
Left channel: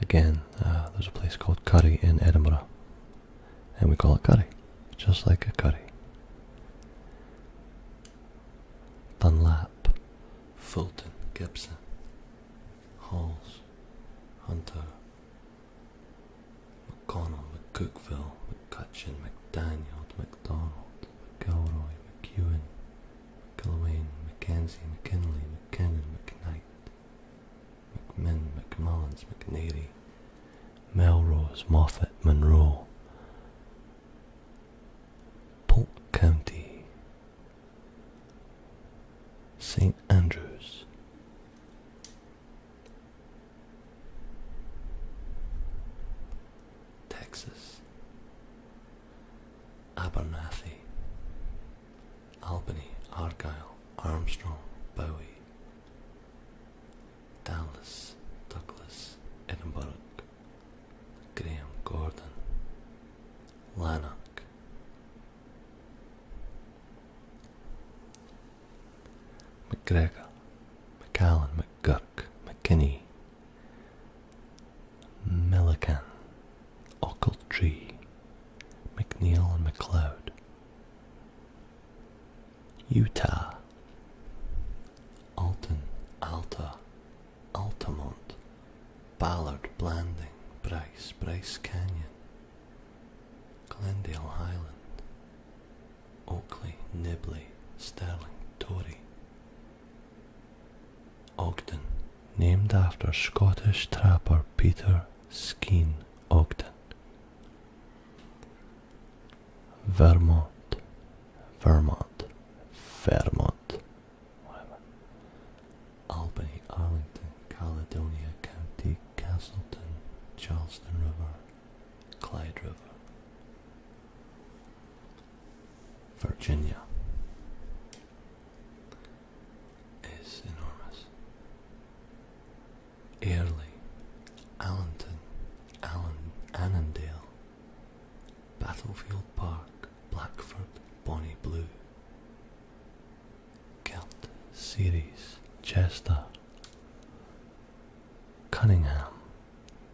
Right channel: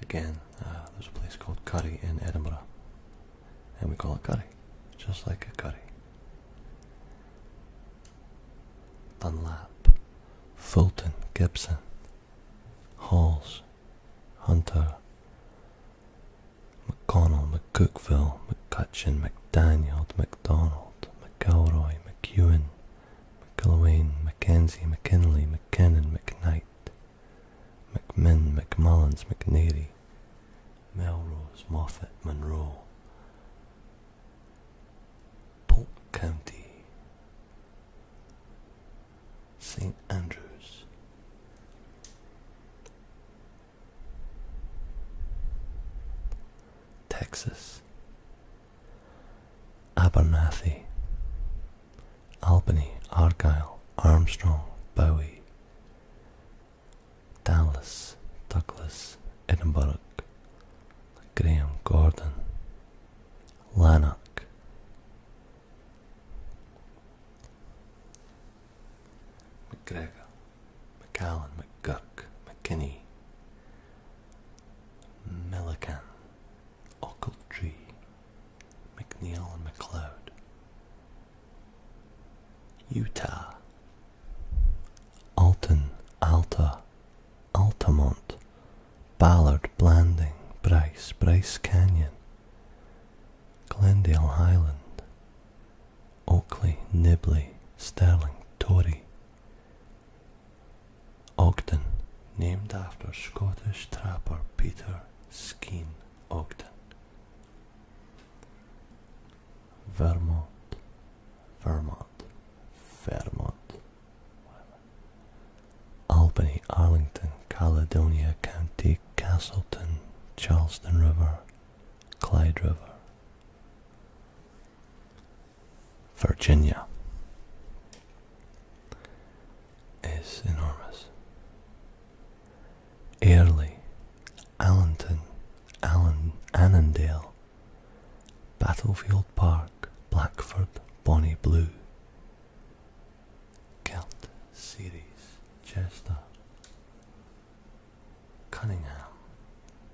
Again, there's a place called Curry in Edinburgh, and we call it curry, just like a curry. Dunlap, Fulton, Gibson, Halls, Hunter, McConnell, McCookville, McCutcheon, McDaniel, McDonald, McElroy, McEwen, McIlwain, Mackenzie, McKinley, McKinnon, McKnight, McMinn, McMullins, McNary, Melrose, Moffat, Monroe, Polk County, St. Andrews, Texas, Abernathy, Albany, Argyle, Armstrong, Bowie, Dallas, Douglas, Edinburgh, Graham, Gordon, Lanark, McGregor, McAllen, McGurk, McKinney, Millican, Ochiltree, McNeil and McLeod, Utah, Alton, Alta, Altamont, Ballard, Blanding, Bryce, Bryce Canyon, Glendale Highland, Oakley, Nibley, Sterling, Tory, Ogden, named after Scottish trapper Peter Skene Ogden, Vermont, Vermont, whatever, Albany, Arlington, Caledonia County, Castleton, Charleston River, Clyde River, Virginia is enormous. Airlie, Allenton, Annandale, Battlefield Park, Blackford, Bonnie Blue, Kelt, Ceres, Chester, Cunningham,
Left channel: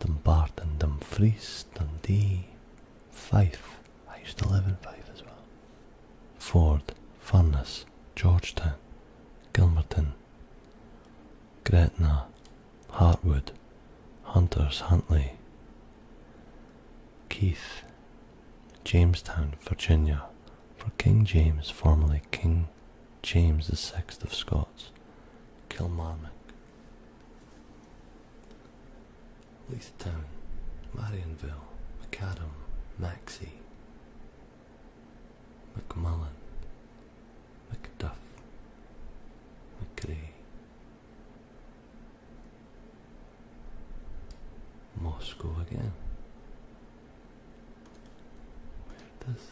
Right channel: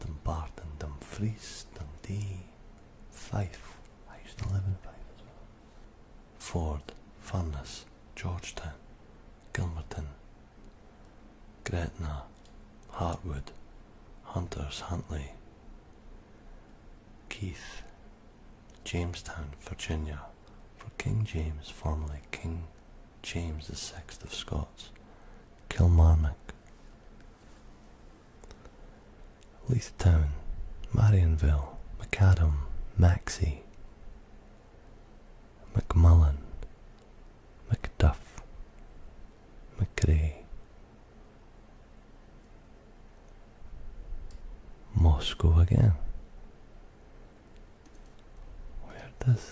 Dumbarton, Dumfries, Dundee, Fife. I used to live in Fife as well. Ford, Furness, Georgetown, Gilmerton, Gretna, Hartwood, Hunters, Huntley, Keith, Jamestown, Virginia, for King James, formerly King James VI of Scots, Kilmarnock, Leithtown, Marionville, Macadam, Maxey, McMullen, Macduff, McRae, Moscow again. Where does...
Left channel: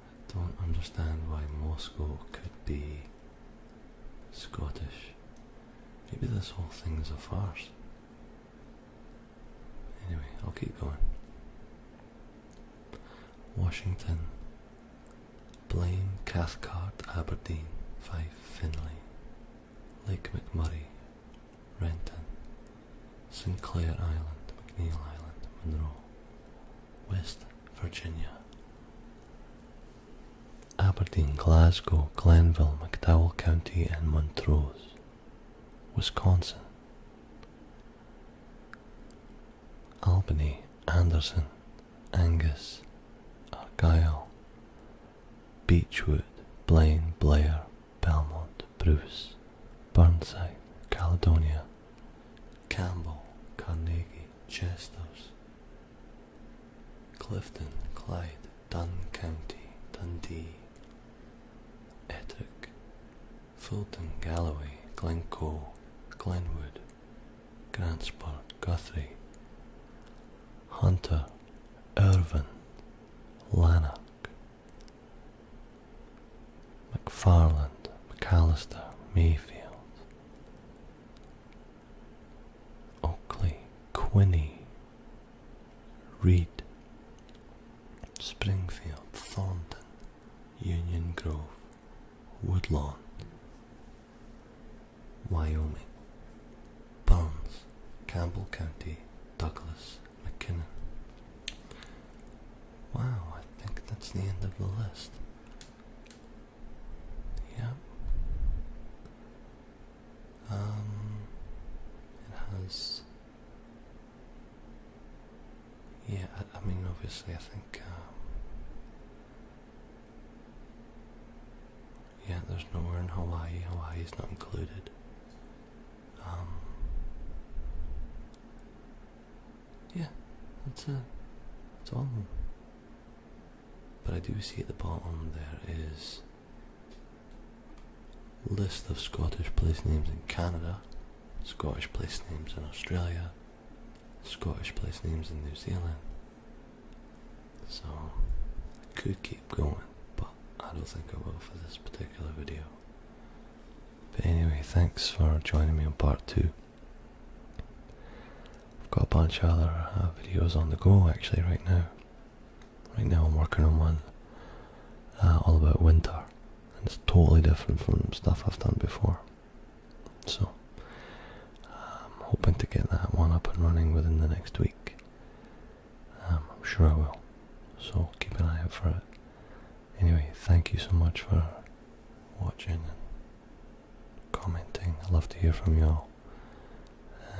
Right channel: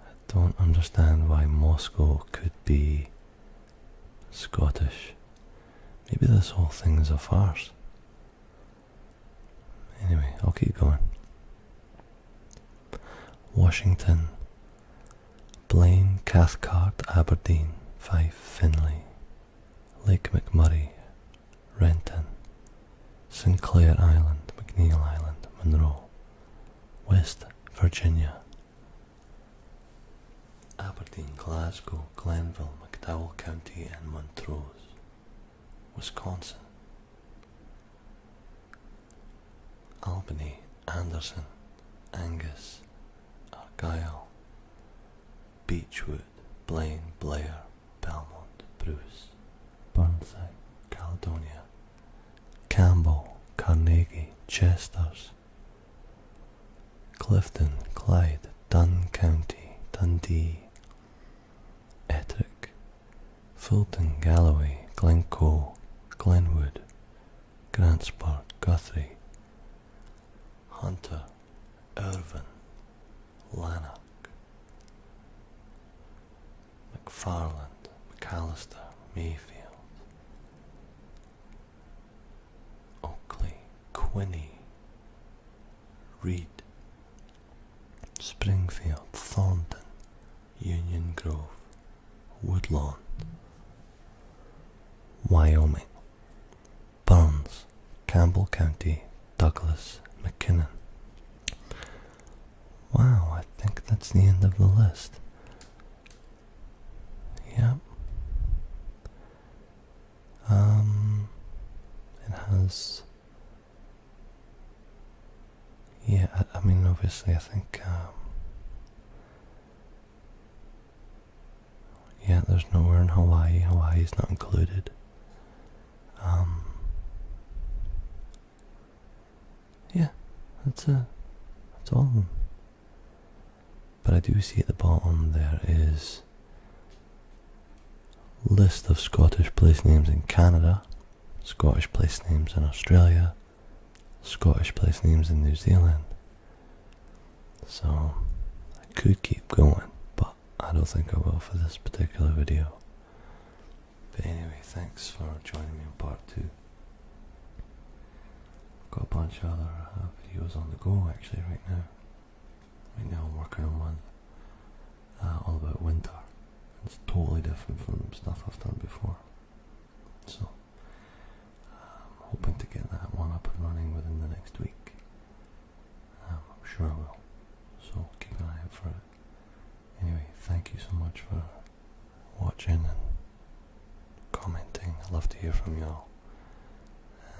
I don't understand why Moscow could be Scottish. Maybe this whole thing is a farce. Anyway, I'll keep going. Washington, Blaine, Cathcart, Aberdeen, Fife, Finlay, Lake McMurray, Renton, Sinclair Island, McNeil Island, Monroe, West Virginia, Aberdeen, Glasgow, Glenville, McDowell County and Montrose, Wisconsin, Albany, Anderson, Angus, Argyll, Beechwood, Blaine, Blair, Belmont, Bruce, Burnside, Caledonia, Campbell, Carnegie, Chesters, Clifton, Clyde, Dunn County, Dundee, Ettrick, Fulton, Galloway, Glencoe, Glenwood, Grantsburg, Guthrie, Hunter, Irvine, Lanark, McFarland, McAllister, Mayfield, Oakley, Quinney, Reed, Springfield, Thornton, Union Grove, Woodlawn, Wyoming, Burns, Campbell County, Douglas, McKinnon. Wow, I think that's the end of the list. Yep. It has... Yeah, I mean, obviously, I think... yeah, there's nowhere in Hawaii. Hawaii's not included. Yeah, that's it. That's all of them. But I do see at the bottom there is list of Scottish place names in Canada, Scottish place names in Australia, Scottish place names in New Zealand. So I could keep going, but I don't think I will for this particular video. But anyway, thanks for joining me on part 2. I've got a bunch of other videos on the go actually right now. Right now I'm working on one all about winter, and it's totally different from stuff I've done before. So I'm hoping to get that one up and running within the next week. I'm sure I will, so keep an eye out for it. Anyway, thank you so much for watching and commenting. I love to hear from you all,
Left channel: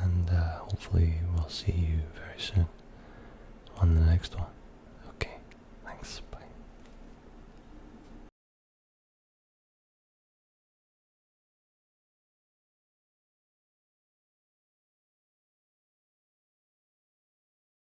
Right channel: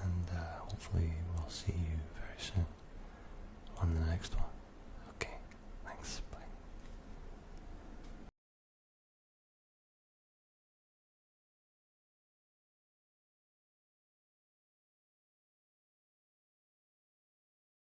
and hopefully we'll see you very soon on the next one. Okay, thanks.